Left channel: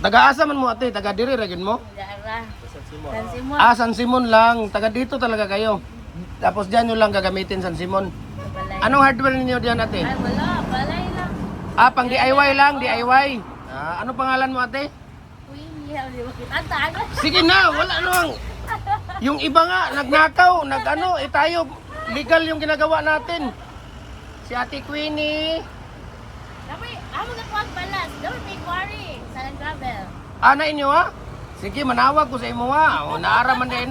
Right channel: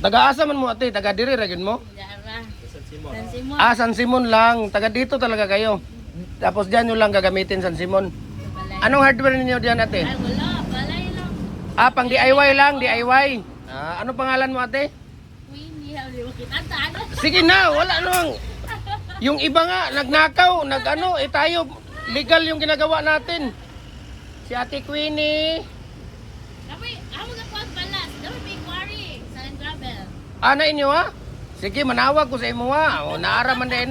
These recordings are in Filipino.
Taga-asa man mo ate, taga diri ra gyud mo? Dara. San Simon. San Simon lang, taga dito talaga kayo. Tapos diyan nyo lang gagamitin San Simon. Balay. Anong hardware niyo diyan ate? Ay, wala. Balay lang. Pang DIY lang, DIY. Ano pangalan mo ate? Queenie. Hindi mo kita. Ano? Sige na, wala nang. Yung iba nga, nagnakaw, tayo, legal yung ginagawa natin. Si Ate Queenie. Dapat, amo ka kuwag balas. Dapat may quarry. Sa gravel. Ana inyo ha? Sige, manawag ko sa imo ha. O, naara man din.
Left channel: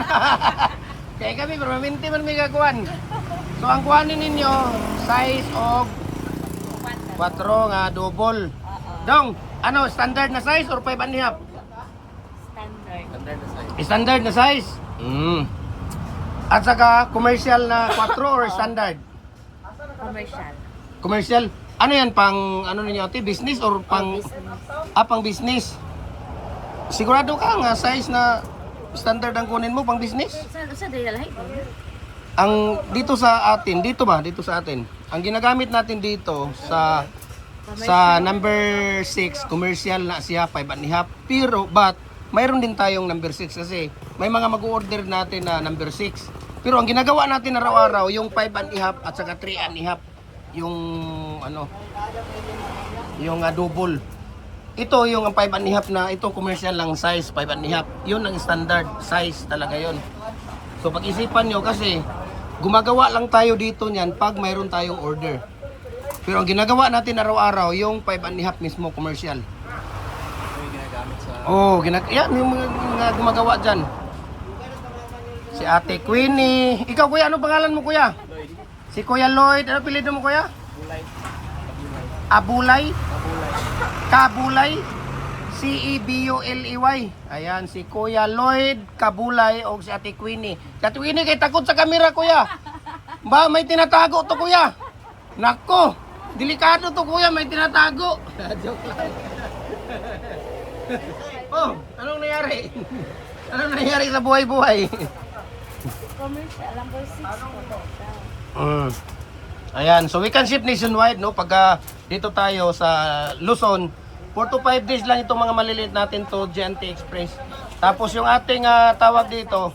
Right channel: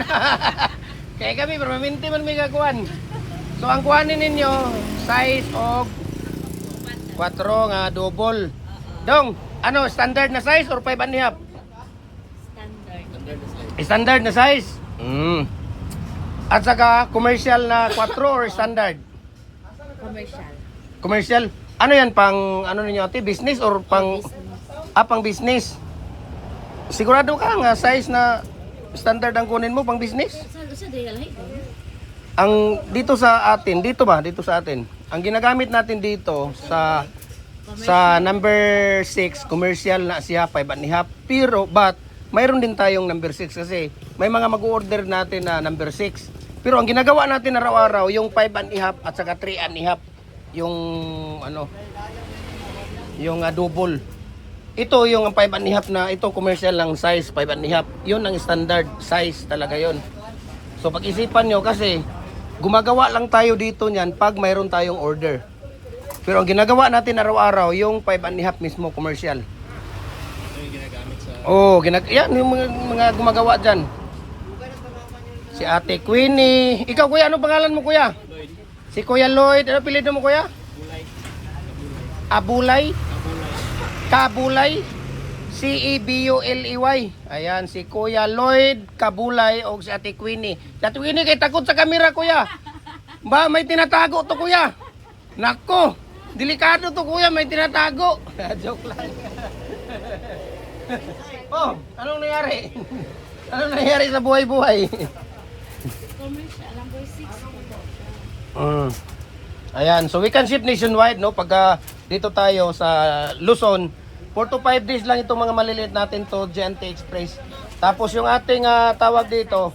Kaya kami, permanente man may kakuan. So, ang kuhanin ninyo, size of 4 nga double. Dong, standard na size or 5 and a half? Standard. Standard na size? At saka commercial na 4 or standard? Commercial. Commercial? Ano yan, pang ano ninyo ate? Business or pang... Business. Pang business? Sigurado ka nga size na standard ang kunin mo pang business? Sa day lahi. Ang dito sa atin, dito sa atin. Ang ginagamit natin dito sa number 6, commercial na siya 5 and a half. Pero mayroon din tayong number 6 kasi may mga mag-order natin na number 6. Pero ang ginagawa natin araw-araw yung 5 and a half at saka 3 and a half yung yung double. Ito yung 5 and a half na ito commercial lang size 5 and a half. Yun ang standard size talaga yun. So pag-isipan nyo kasi gumagawa lang tayo dito niyan pag mayroon tayong order. Pero ang ginagawa natin araw-araw yung 5 and a half mismo commercial. Yung ginagamit sa... Yung mga gumagawa dyan. Si Ate Queenie. Ikaw kuya, ano pangalan mo kuya? Lloyd. Si Kuya Lloyd. Ano apelyido mo kuya? Bulay. Abulay? Abulay. Kabulay? Cebuley. Ayan, si Kuya Lloyd Kabulay o si Ate Queenie. Si Ate Queenie kay takot sa kamera kuya. Ba, may tinatago to kuya. Nako, delikado to kuya, may tinatago. Joke lang. Oh, anong nangyari? Anong nangyari sa buhay-buhay? Commercial. Number 6 po siya. Ayan, so we can ship nationwide, no? Pagka dito tayo sa Luzon, 4 to 5 days lang itong mga maliliit natin to GNT Express. Tapos yung ating tawag dito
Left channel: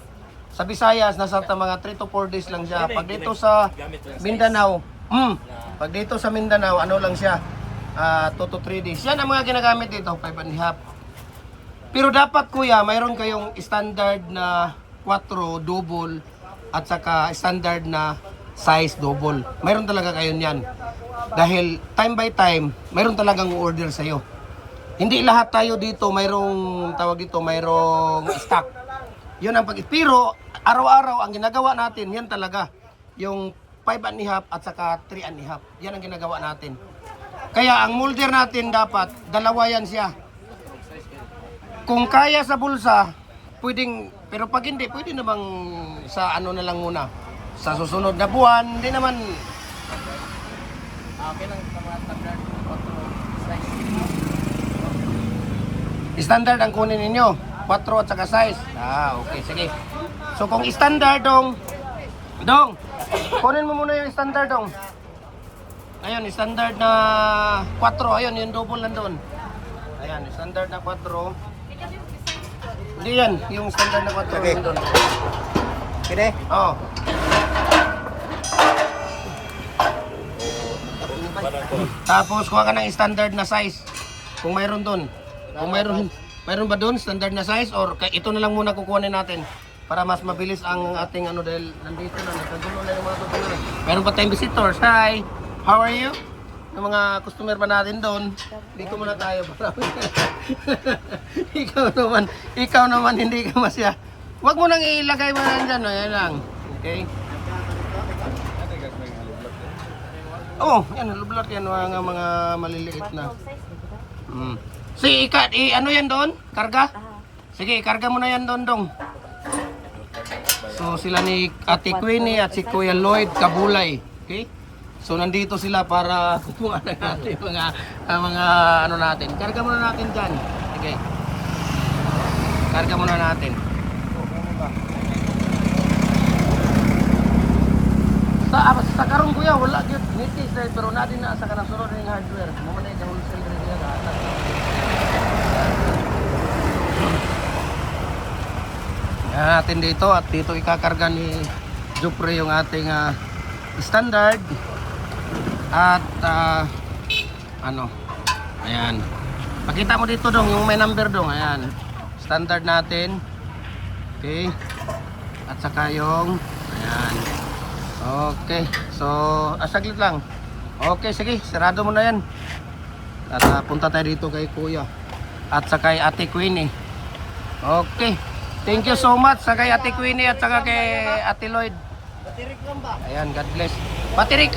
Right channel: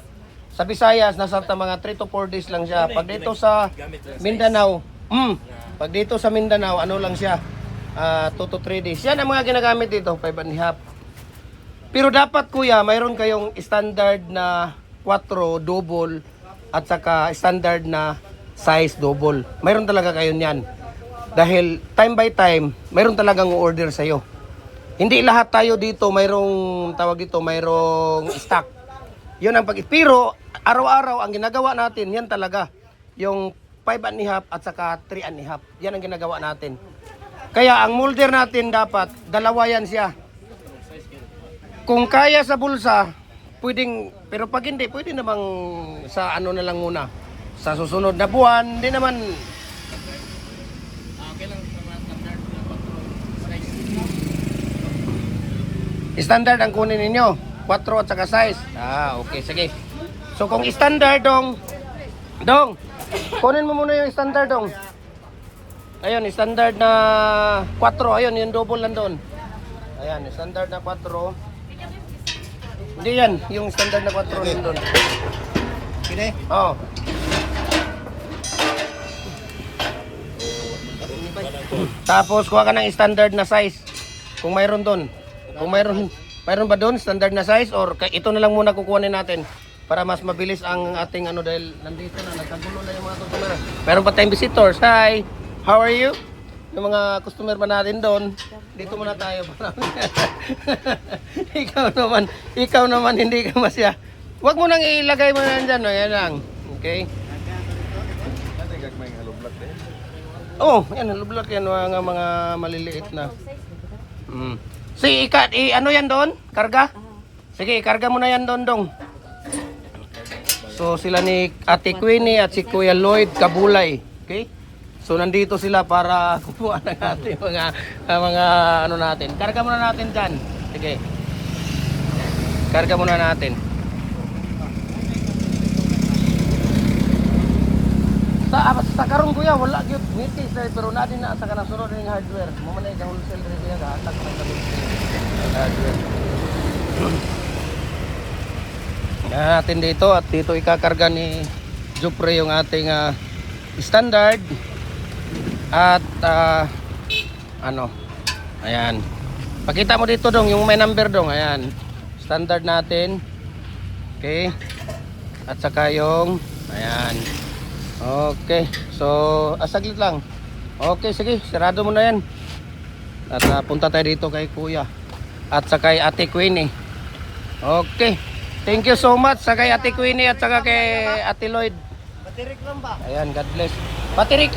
sa Visayas, nasa mga 3 to 4 days lang siya. Pag dito sa Mindanao, pag dito sa Mindanao, ano lang siya, 2 to 3 days. Yan ang mga ginagamit dito, 5 and a half. Pero dapat kuya, mayroon kayong standard na 4 double at saka standard na size double. Mayroon talaga kayo niyan. Dahil time by time, mayroon talagang order sa iyo. Hindi lahat tayo dito mayroong tawag dito, mayroong stock. 'Yun ang pero araw-araw ang ginagawa natin, yan talaga. Yung 5 and a half at saka 3 and a half. Yan ang ginagawa natin. Kaya ang molder natin dapat dalawa yan siya. Kung kaya sa bulsa, pwedeng, pero pag hindi, pwede namang sa ano na lang muna. Sa susunod na buwan, hindi naman. Okay lang sa mga standard na photo size. Standard ang kunin ninyo, 4 at saka size. Okay, sige. So kung standard dong, kunin mo muna yung standard dong. Ayun, standard na 4, ayun, yung double nandun. Ayan, standard na 4. Hindi yan, yung standard na 4 nandun. Kine? Oh. Tapos kuha ka ng standard na size. Kung mayroon doon. Kung mayroon ba doon standard na size or ito na lang muna kukunin natin para mas mabilis ang ating ano dahil nandito na nagpagdulo na yung mga tutuloy. Meron pa tayong visitors. Hi. How are you? Yung mga customer pa natin doon. Dito muna tayo. ikaw naman hindi ka masya. Huwag mo nang ilagay mo yan dyan. Yan lang. Okay. Oh, yan, lublok yan mga maliliit na. Sige, ano yan doon? Karga? Sige, karga mo na yan doon, dong. So, sila ni Ate Queenie at si Kuya Lloyd Kabulay. Okay? So, nandito sila para kukuha ng ating mga ano natin. Karga muna natin dyan. Sige. Karga muna natin. Sa karon kuya, wala gyud meeting pero natin na sa kanasunod ng hardware. Namalay ka sa natin dito at dito ikakarga ni Jupre yung ating standard at ano, ayan, pakita mo dito dong yung may number dong, ayan, standard natin, okay, at saka yung ayan, okay, so saglit lang, okay, sige, sarado mo na yan at punta tayo dito kay Kuya at saka kay Ate Queenie. Okay, thank you so much sa kay Ate Queenie at saka kay Ate Lloyd. Batirik lang ba? Ayan, God bless. Patirik.